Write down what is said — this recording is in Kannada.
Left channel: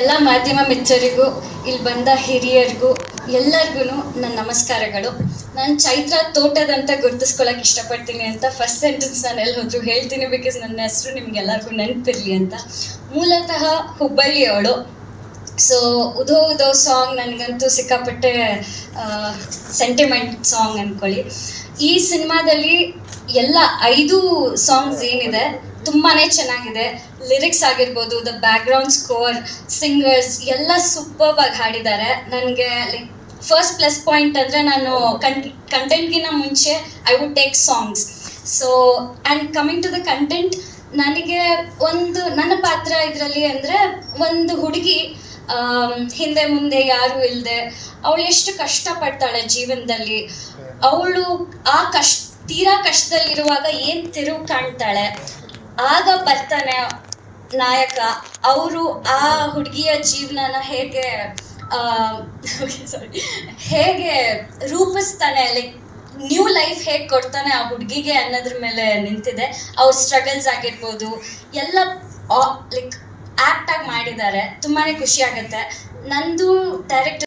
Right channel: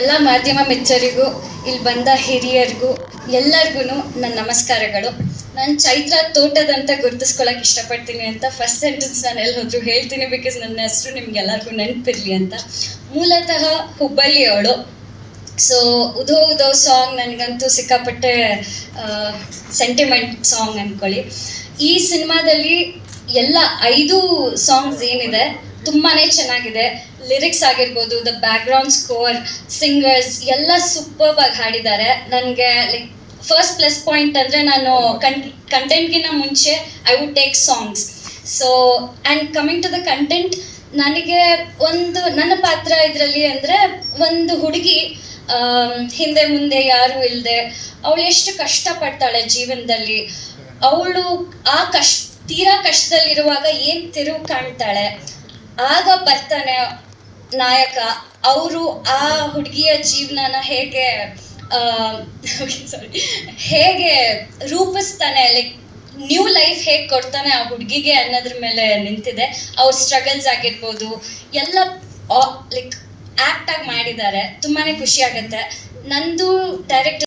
ಎಲ್ಲ ಮಾಧ್ಯಮ ಮಿತ್ರರಿಗೂ ಇಲ್ಲಿ ಬಂದ ಹಿರಿಯರಿಗೂ ಎಲ್ಲರಿಗೂ ನನ್ನ ನಮಸ್ಕಾರಗಳು. ನಾನು ಚೈತ್ರ ತೋಟದಂತ ಗುರುತಿಸ್ಕೊಳಕ್ಕೆ ಇಷ್ಟಪಡ್ತೀನಿ ಅಂತ ಫಸ್ಟ್ ಸೆಂಟೆನ್ಸ್ ನಾನು ಎಲ್ಲಿ ಹೋದ್ರು ಹೇಳ್ತೀನಿ, ಬಿಕಾಸ್ ನನ್ನ ಹೆಸರು ನಿಮ್ಗೆಲ್ಲರಿಗೂ ನೆನಪಿರಲಿ ಅಂತ. ಮೂಲತಃ ಹುಬ್ಬಳ್ಳಿಯವಳು. ಸೊ ಉದೋ ಉದೋ ಸಾಂಗ್ ನನಗಂತೂ ಸಿಕ್ಕಾಪಟ್ಟೆ ಸೆಂಟಿಮೆಂಟ್ ಸಾಂಗ್ ಅಂದ್ಕೊಳ್ಳಿ. ಈ ಸಿನಿಮಾದಲ್ಲಿ ಎಲ್ಲ 5 ಸಾಂಗ್ಸ್ ಏನಿದೆ ತುಂಬಾ ಚೆನ್ನಾಗಿದೆ. ಲಿರಿಕ್ಸ್ ಆಗಿರ್ಬೋದು, ದ ಬ್ಯಾಕ್ಗ್ರೌಂಡ್ ಸ್ಕೋರ್, ಸಿಂಗರ್ಸ್ ಎಲ್ಲ ಸೂಪರ್ಬ್ ಆಗಿ ಹಾಡಿದ್ದಾರೆ. ನನಗೆ ಲೈಕ್ ಫಸ್ಟ್ ಪ್ಲಸ್ ಪಾಯಿಂಟ್ ಅಂದರೆ ನಾನು ಕಂಟೆಂಟ್ಗಿಂತ ಮುಂಚೆ I would take songs. So and coming to the content, ನನಗೆ ನನ್ನ ಪಾತ್ರ ಇದರಲ್ಲಿ ಅಂದರೆ ಒಂದು ಹುಡುಗಿ ಹಿಂದೆ ಮುಂದೆ ಯಾರೂ ಇಲ್ಲದೆ ಅವಳು ಎಷ್ಟು ಕಷ್ಟಪಡ್ತಾಳೆ ಜೀವನದಲ್ಲಿ. ಅವಳು ಆ ತೀರಾ ಕಷ್ಟದಲ್ಲಿರುವಾಗ ಏನು ತಿರುವು ಕಾಣ್ತಾಳೆ, ಆಗ ಬರ್ತಾನೆ ನಾಯಕ. ಅವರು ಆ ಹುಡುಗಿಯ ಜೀವನನ ಹೇಗೆ ರೂಪಿಸ್ತಾನೆ, ಲೈಕ್ ನ್ಯೂ ಲೈಫ್ ಹೇಗೆ ಕೊಡ್ತಾನೆ ಆ ಹುಡುಗಿಗೆ ಅನ್ನೋದ್ರ ಮೇಲೆ ನಿಂತಿದೆ. ಅವ್ರ ಸ್ಟ್ರಗಲ್ಸ್ ಆಗಿರ್ಬೋದು ಎಲ್ಲ ಲೈಕ್ ಆ್ಯಕ್ಟ್ ಆಗಿ ಮಾಡಿದ್ದಾರೆ. ತುಂಬಾ ಖುಷಿ ಆಗುತ್ತೆ. ನಂದು ಡೈರೆಕ್ಟರ್